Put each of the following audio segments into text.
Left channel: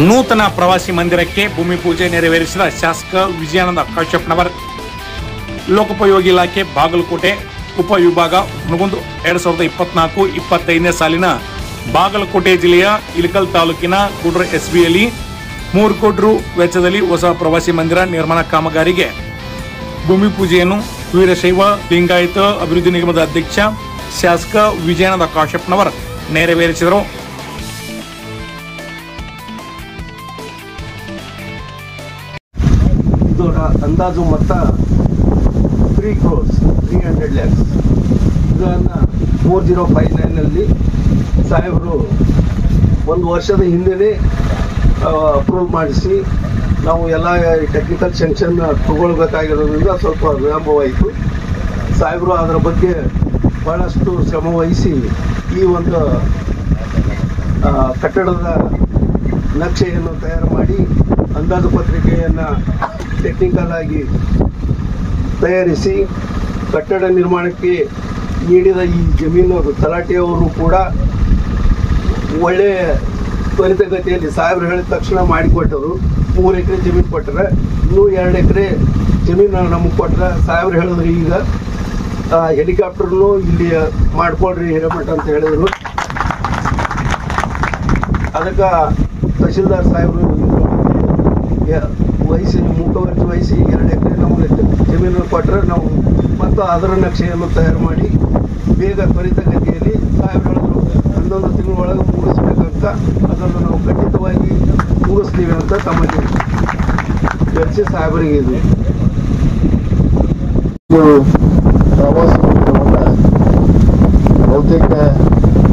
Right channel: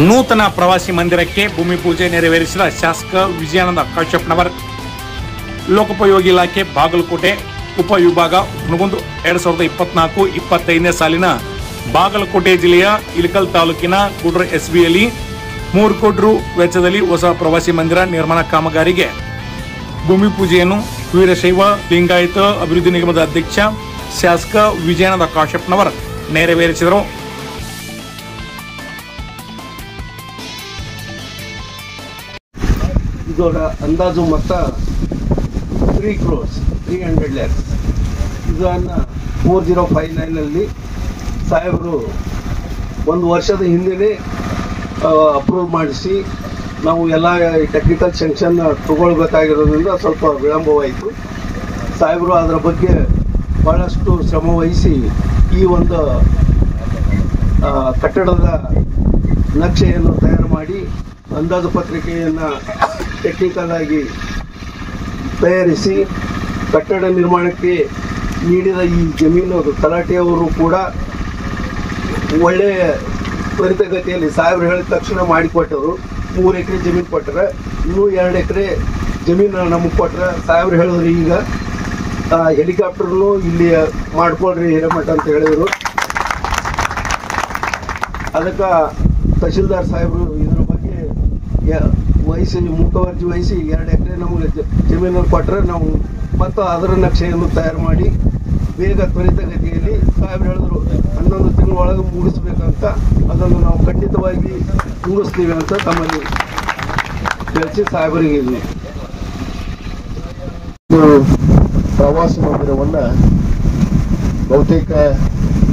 ನೂತನ ಪ್ರವಾಸಿ ಮಂದಿರಕ್ಕೆ ಭೂಮಿ ಪೂಜೆ ನೆರವೇರಿಸಿದ ಶಾಸಕ ವಿಜಯಾನಂದ ಕಾಶ್ಯಪ್ನವರ್. ಲೋಕೋಪಯೋಗಿ ಇಲಾಖೆ ಬಾಗಲಕೋಟೆ ಉಪವಿಭಾಗ ಹುನಗುಂದ 2024-25ನೇ ಸಾಲಿನ ಬಾಗಲಕೋಟೆ ಜಿಲ್ಲೆಯ ಇಳಕಲ್ ತಾಲೂಕಿನ ಗುಡ್ರ ಎಸ್ಬಿಯಲ್ಲಿ 3 ಕೋಟಿ ರು ವೆಚ್ಚದಲ್ಲಿ ಹೊಸ ಪ್ರವಾಸಿ ಮಂದಿರ ನಿರ್ಮಾಣ ಕಾಮಗಾರಿಗೆ ಭೂಮಿ ಪೂಜೆಯನ್ನು ವೀರಶೈವ ಲಿಂಗಾಯತ ಅಭಿವೃದ್ಧಿ ನಿಗಮದ ಅಧ್ಯಕ್ಷ ಶಾಸಕ ವಿಜಯಾನಂದ ಕಾಶ್ಯಪ್ನವರ್ ನೆರವೇರಿಸಿದರು. ಇದರ ಅಂದಾಜು ಮೊತ್ತ 3 crores 300 lakhs. ಇದನ್ನು 4059ನಲ್ಲಿ ಸಾಹೇಬರು 1 ವರ್ಷದ ಹಿಂದೆ ಅಪ್ರೂವ್ ಮಾಡಿಸಿ ನಾವು ಎಲ್ಲ ಟೆಕ್ನಿಕಲ್ ಸೆಕ್ಷನ್ ತಗೊಳ್ಬೇಕಾಗಿರೋದ್ರಿಂದ ಸ್ವಲ್ಪ ವಿಳಂಬವಾಯಿತು. ಸಾಹೇಬರು ಅದರ ಬಗ್ಗೆ ಬಹಳಷ್ಟು ಶ್ರಮ ವಹಿಸಿ ಈ ಒಂದು ಕಟ್ಟಡದ ನಕ್ಷೆಯನ್ನು ತಯಾರು ಮಾಡಿ ಅಂದಾಜು ಪತ್ರಿಕೆಯನ್ನು ಟೆಕ್ನಿಕಲ್ ಆಗಿ ತಯಾರಿಸಿ ಕಟ್ಟಡ ನಿರ್ಮಾಣಕ್ಕೆ ನೀಡಿದ ಈ ಜಮೀನು ತಲಾಟೆಯವರು ಕೂಡ ಒಳ್ಳೆಯ ತ್ವರಿತಗತಿಯಲ್ಲಿ ಸಾಹೇಬರು ಹೇಳಿದ ತಕ್ಷಣ ಮಾಡಿಕೊಟ್ಟರು. 3 ಎಕರೆ ಜಮೀನು ಕೊಟ್ಟರೆ ಇನ್ನೂ 2 ಎಕರೆ ಜಮೀನು ನಮಗೆ ಕೊಟ್ಟರೆ ಸಾಹೇಬರು ಹೇಳಿದ್ರು ಈಗ ಹೆಲಿಕಾಪ್ಟರ್ನು ಇಲ್ಲಿ ಮಾಡ್ಕೊಳ್ರಿ ಹಿರೇಮಠ ಅಂತ ಹೇಳಿದರು. ಅದಕ್ಕೆ ತಹಶೀಲ್ದಾರ್ ಸಾಹೇಬರು ಇದ್ರ ಬಗ್ಗೆ ವಹಿಸಿ ಮುಖವರ್ಜಿ ವಹಿಸಿ 2 ಎಕರೆ ನಾವು ಜಮೀನು ಕೊಟ್ಟರೆ ನಾವು ಮತ್ತು ಅದರ ನಕ್ಷೆಯನ್ನು ತಯಾರು ಮಾಡಿ ಬೇಗ ತ್ವರಿತಗತಿಯಲ್ಲಿ ಸಾಹೇಬರು ಹೇಳಿದ್ರು 11 ತಿಂಗಳೊಳಗೆ ಮುಗಿಸ್ಬೇಕಂತ. ಅದನ್ನು ನಾವು ಖಂಡಿತವಾಗಿ ಮುಗಿಸ್ತೀವಿ ಅಂತ ತಮ್ಮಲ್ಲಿ ಚರ್ಚೆ ಸಾಹೇಬರಿಗೆ ಇದೆ. ಪ್ರವಾಸ ಮಂದಿರವನ್ನು ಬಹುತೇಕ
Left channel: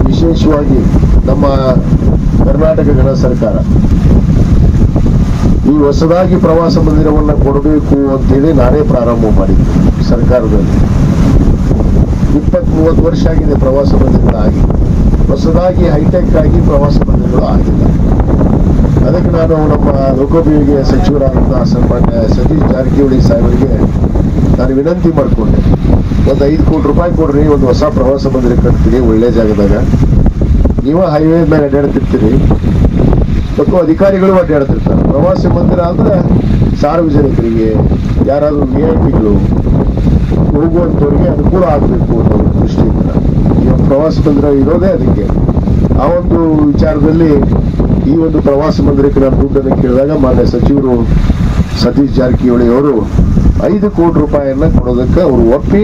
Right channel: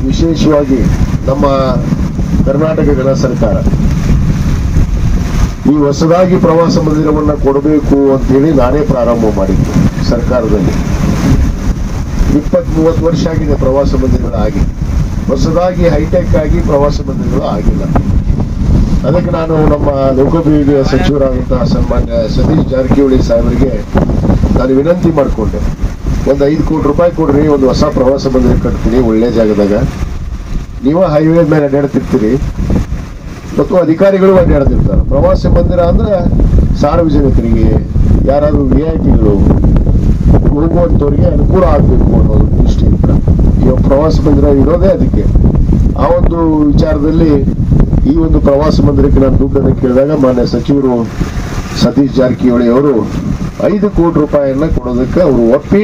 ವಿಶೇಷವಾಗಿ ನಮ್ಮ ಕರ್ನಾಟಕ ಗಣ ಸರ್ಕಾರ ಈ ಹೊಸದಾಗಿ ಪ್ರವಾಸ ಮಂದಿರವನ್ನು ಕೊಡಬೇಕು ಅಂತೇಳಿ ನಾನೇ ಪ್ರಾರಂಭ ಮಾಡಿದ್ದು. ಸರ್ಕಾರದಲ್ಲಿ 20-30 ವರ್ಷ ಆಗಿದೆ ಪ್ರವಾಸ ಮಂದಿರಗಳಾಗಿ, ಹೊಸದಾಗಿ ಹೈಟೆಕ್ ಆಗಿ ಪ್ರವಾಸ ಮಂದಿರಗಳು ಆಗಿಲ್ಲ. ಅದಕ್ಕೆ ನಾನು ನಮ್ಮ ಲೋಕೋಪಯೋಗಿ ಸಚಿವರಾದಂತಹ ಸನ್ಮಾನ್ಯ ಸತೀಶ್ ಜಾರಕಿಹೊಳಿ ಸಾಹೇಬರಿಗೆ ನಾನು ವಿನಂತಿ ಮಾಡಿಕೊಂಡೆ, ಒಂದು 5 ಕೋಟಿ ರೂಪಾಯಿ ಕೊಡ್ರಿ, ಒಂದು ಹೊಸ ಪ್ರವಾಸ ಮಂದಿರ ಕಟ್ತೀನಿ ಒಳ್ಳೆ ಜಾಗದಾಗ. ನೀವು ಹೈವೇ ಮೇಲೆ ಅಡ್ಡಾಡ್ತಿರ್ತೀರಿ ಮತ್ತು ಅಧಿಕಾರಿಗಳು ಅಡ್ಡಾಡ್ತಿರ್ತಾರೆ. ಪ್ರವಾಸಿ ಮಂದಿರ ಅಂದ್ರೆ ಸಾರ್ವಜನಿಕರಿಗೆ, ಯಾರಾದರೂ VIP ಗಳು ಹೋಗುವಂಥವ್ರಿಗೆ ಅನುಕೂಲ ಆಗಬೇಕು ಅನ್ನೋ ದೃಷ್ಟಿಯಿಂದ ಈ ಒಂದು ಪ್ರವಾಸಿ ಮಂದಿರ ಇರೋದೇ ಅದಕ್ಕೆ. ಆ ಒಂದು ವಿಚಾರದಲ್ಲಿ ಈ ಒಂದು ಪ್ರವಾಸಿ ಮಂದಿರಕ್ಕೆ ನಾನು ದುಡ್ಡನ್ನು ಕೇಳಿದಾಗ ಮಾನ್ಯ ಸಚಿವರು ಸತೀಶ್ ಜಾರಕಿಹೊಳಿ ಅವರು 5 ಕೋಟಿ ರೂಪಾಯಿಯನ್ನ ಕೊಡೋದಕ್ಕೆ ಅವರು ಒಪ್ಪಿ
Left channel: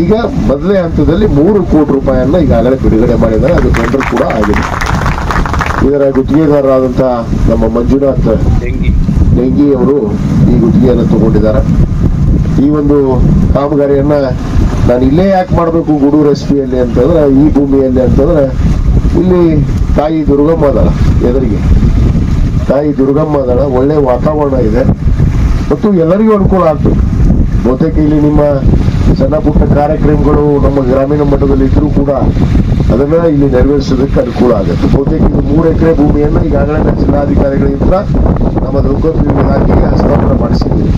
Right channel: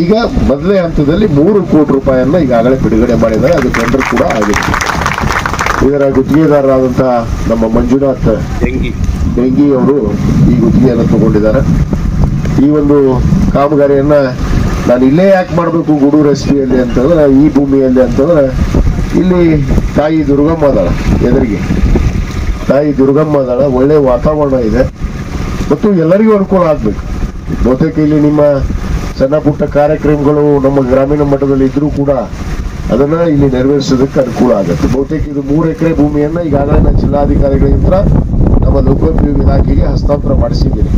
ಈಗ ಮೊದಲೇ ಹಂತದಲ್ಲಿ 3 ಕೋಟಿ ರೂಪಾಯಿಯನ್ನ ಈಗಾಗಲೇ ಬಿಡುಗಡೆ ಮಾಡಿದ್ದಾರೆ. ಅದು ಟೆಂಡರ್ ಕೂಡ ಆಗಿದೆ. ಇದರ ಗುತ್ತಿಗೆದಾರರಾದಂತಹ ನಮ್ಮ ಮಂಜುನಾಥ್ ಡೆಂಗಿ ಅವರು ಈ ಗುತ್ತಿಗೆಯನ್ನು ತಗೊಂಡಿದ್ದಾರೆ. ಈ ಒಂದು ಕಾಮಗಾರಿಯನ್ನ ನಾನು ಇಲ್ಲೇ ಯಾಕೆ ಮಾಡಬೇಕು ಗೂಡೂರು ಎಸ್ಪಿಯಲ್ಲಿ ಅಂತಂದ್ರೆ, ಈ ಭೂಮಿಯಲ್ಲಿ ಅಂತಂದ್ರೆ ಇಲ್ಲಿ ತಾಯಿ ದುರ್ಗಮ್ಮ ಅದಾಳ, ಎದುರಿಗೆ ತಾಯಿ ದುರ್ಗಮ್ಮ ಅದಾಳ, ಒಳ್ಳೆ ವಾತಾವರಣ ಇದೆ ಮತ್ತು ಎಲ್ಲರಿಗೂ ಅನುಕೂಲ ಆಗ್ಬೇಕು. ಬಹುತೇಕ ಇಲ್ಲಿ ನಿಮ್ಮ ಸಣ್ಣ ಪುಟ್ಟ ಕಾರ್ಯಕ್ರಮಗಳು ನಮ್ಮ ಗ್ರಾಮೀಣ ಮಟ್ಟದಲ್ಲಿ ಇದ್ರೂ ಕೂಡ ಅದನ್ನ ಇಲ್ಲಿ ನೆರವೇರಿಸೋದಕ್ಕೆ ಅನುಕೂಲ ಆಗುತ್ತೆ. ಬಹುತೇಕ ಇದು 3 ಎಕರೆ ಭೂಮಿಯನ್ನ ಈಗಾಗಲೇ ಜಿಲ್ಲಾಧಿಕಾರಿಗಳಿಂದ ನಮ್ಮ ಲೋಕೋಪಯೋಗಿ ಇಲಾಖೆಗೆ ಹಸ್ತಾಂತರ ಮಾಡಿಸಿದ್ದೀವಿ.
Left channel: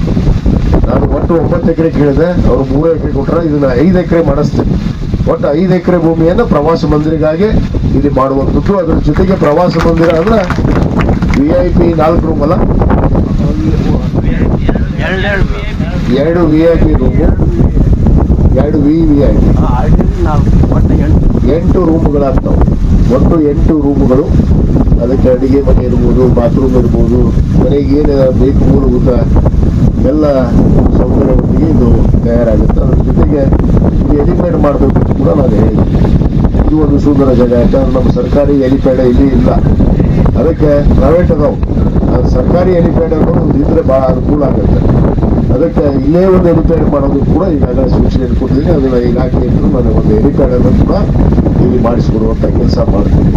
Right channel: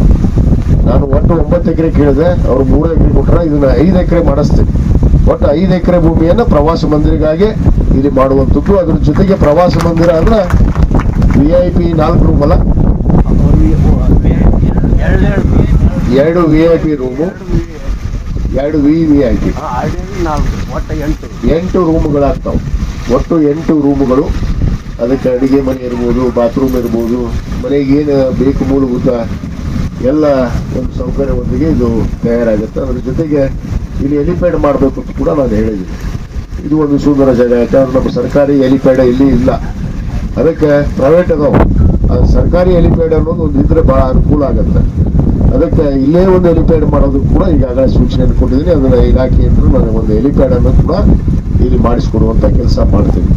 ನಾನು ಒಟ್ಟು 9 ಎಕರೆ ಕೇಳಿದೆ, ಅವರು 3 ಎಕರೆ ಕೊಟ್ಟರೆ ಇದನ್ನ 5 ಎಕರೆ ಮಾಡಿಸ್ತೀನಿ. ಒಟ್ಟು 5 ಎಕರೆ ಭೂಮಿಯನ್ನ ಪ್ರವಾಸ ಮಂದಿರಗಾಗಿ ಇಲ್ಲಿ ಮಾಡುವಂಥದ್ದು. ಅದ್ರ ಜೊತೆಗೆ ಪ್ರವಾಸ ಮಂದಿರ ಅಂದ್ರೆ VIP 4 ರೂಮ್ ಅಲ್ಲ, 2 VIP ರೂಮು, 2 VVIP 8 ರೂಮ್ಗಳಾಗ್ತಾವೆ. ಒಟ್ಟು 8 ರೂಮ್ಗಳು. ಅದಕ್ಕೆ ಅಡಿಗೆ ಮನೆ ಇರ್ಬೋದು, ಬಾತ್ರೂಮ್ ಇರ್ಬೋದು, ಮನೆಗೆ ಏನು ಬೇಕು ಮೂಲಭೂತ ಎಲ್ಲ ಸೌಕರ್ಯವೊಂದಿಗೆ ಇದು ತಯಾರಾಗುತ್ತೆ. ಅದ್ರ ಜೊತೆಗೆ ಇಲ್ಲಿ ಹೆಲಿಪ್ಯಾಡ್ ಮಾಡಬೇಕು ಅಂತ ಕೂಡ ನಾನು ಹೇಳಿದ್ದೆ. ಇದು ಒಂದು ಸುಂದರ ಜಾಗ. ಯಾಕಂದ್ರೆ ನಮ್ಮ ಸರ್ಕಾರಿ ಹೆಲಿಪ್ಯಾಡ್ ಇಲ್ಲಿ ಇಲ್ಲ, ಅದಕ್ಕೆ ಪ್ರೈವೇಟ್ ಅದಾವೆ. ಸರ್ಕಾರಿ ಹೆಲಿಪ್ಯಾಡ್ ಅನ್ನೋದು ಒಂದು ಇದ್ರೆ ಬಹಳ ಅನುಕೂಲ ಆಗುತ್ತೆ. ಅದಕ್ಕೆ ಇಲ್ಲೇ ಒಂದು ಹೆಲಿಪ್ಯಾಡ್ ಮಾಡೋದು ಕೂಡ ಈಗಾಗಲೇ ಸೂಚನೆ ಕೊಟ್ಟಿದ್ದೀನಿ. ಅದನ್ನ ಇಲಾಖೆಯಿಂದ ನಾನು ಒಂದು ಹೆಲಿಪ್ಯಾಡ್ ಅನ್ನು ಕೂಡ ಇಲ್ಲಿ ಮಾಡಿಸ್ಕೊಡುವಂತ ಕೆಲಸ ಮಾಡ್ತೀನಿ.